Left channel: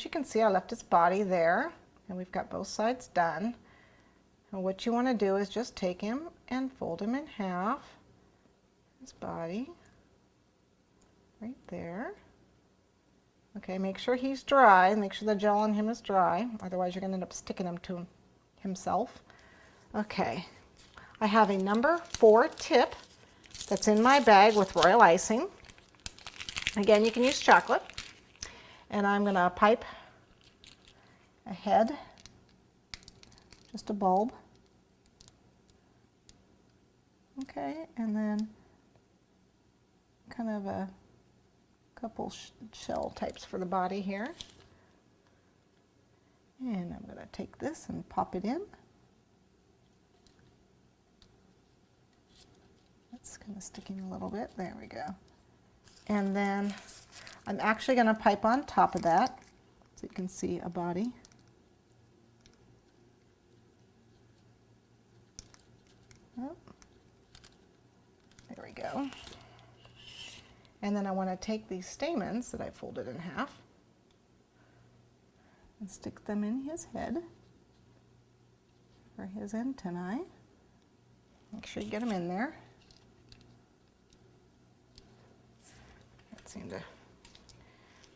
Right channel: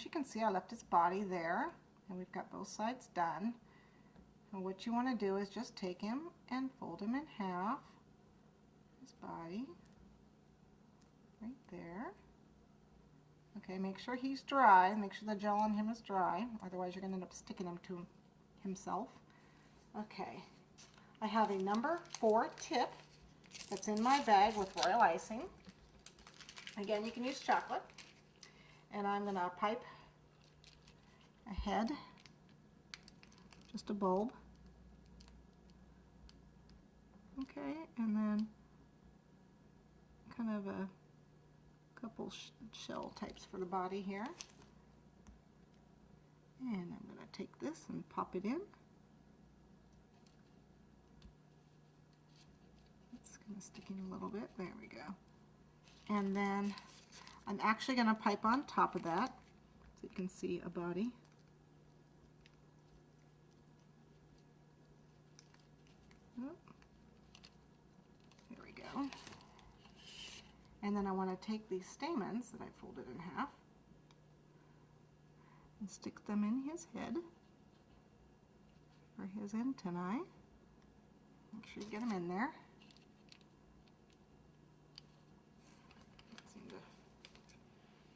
as you can see, I left his body there, and we've got both sides done. And what you want to do is just take him and fold him in half, his body, right there. Okay, make sure he's dry, make sure the gel on him is dry, otherwise you're going to end up sticking him to himself. Okay, I have a number 4 tip that's in my bag with royal icing. Again, you can use chocolate. And I'm going to pipe a head, just a bulb. Okay, and then kind of a couple shell types for the body here. And I'm going to take this and pop it in. It's kind of sticking a little bit. There we go. And then I'm actually going to pipe on top of that so you can see a body. Oh, there we go. And then I want to take these stamens that I folded in half and stick them in his head for his antennae. Make sure you get them in there. That seemed to,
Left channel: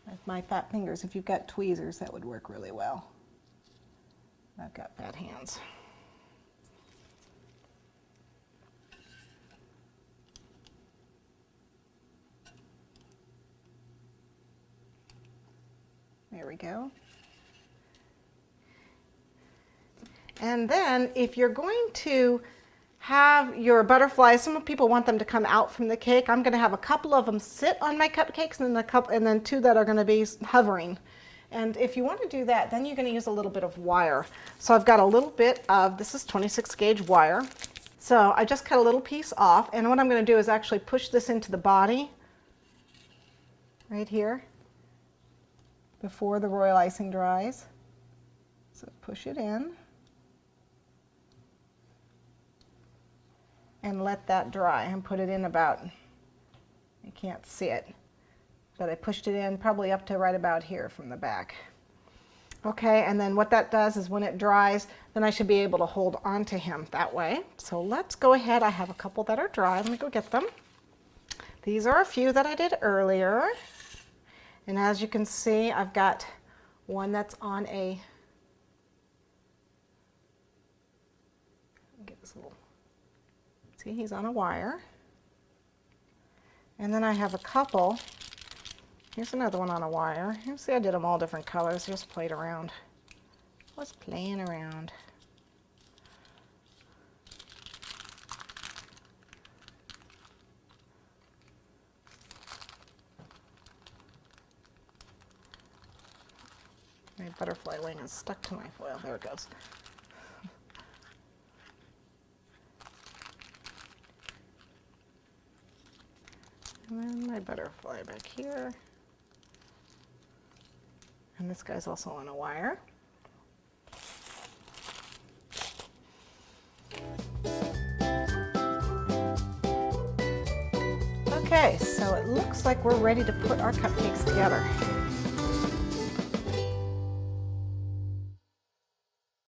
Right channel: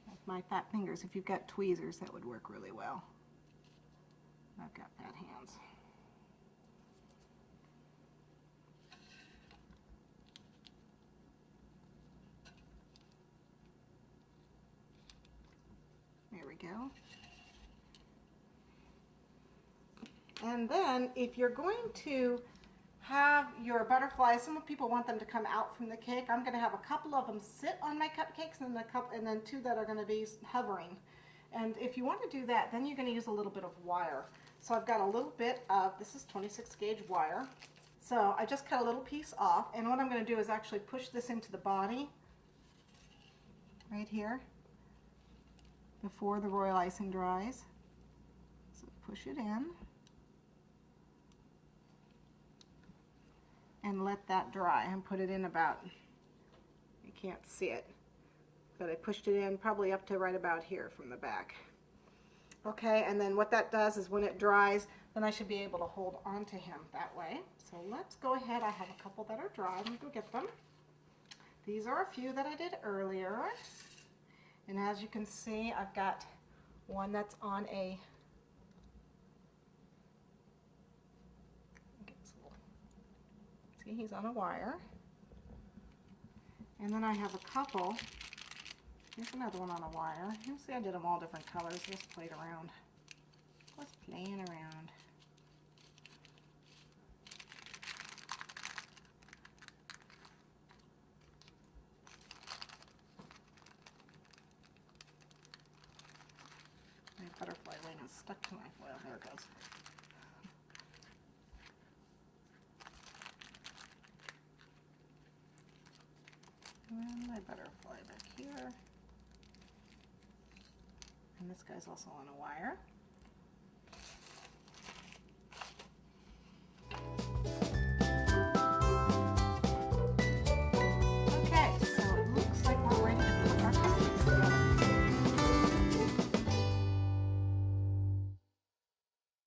like my fat fingers, if you've got tweezers, that would work really well. I've got fat hands. There we go. And then if you're going to have your butterflies, some people want them to come out from the cake. I'm going to have a couple of them sit on my cupcakes and then 2 that are going to be hovering. And if you want to do that, then you're going to use a little bit of wire. So I've got a little bit of, this is 26 gauge wire. So I just cut a little piece off, and what I'm going to do is actually push this into the body right here before the royal icing dries. So push it in and let that dry and put it in about, you can't see it, but I pushed it in probably up to right about here from the back. Okay, and then what that does is when it dries, then I should be able to hold on to him that way. So let's go ahead. I have a couple that are dry. Let me go get them. These are a few that I did earlier. And as you can see, I've got one that's on a, get this little, see, he's on a wire. And then I have a couple, here's another one on a wire. You see I did them all different colors, just played around. Was playing around. My butterfly wing is stuck to my foil. There it goes. And then my butterfly back here. And this guy's also on a wire. Okay, so it looks like we're ready to put our cupcakes together.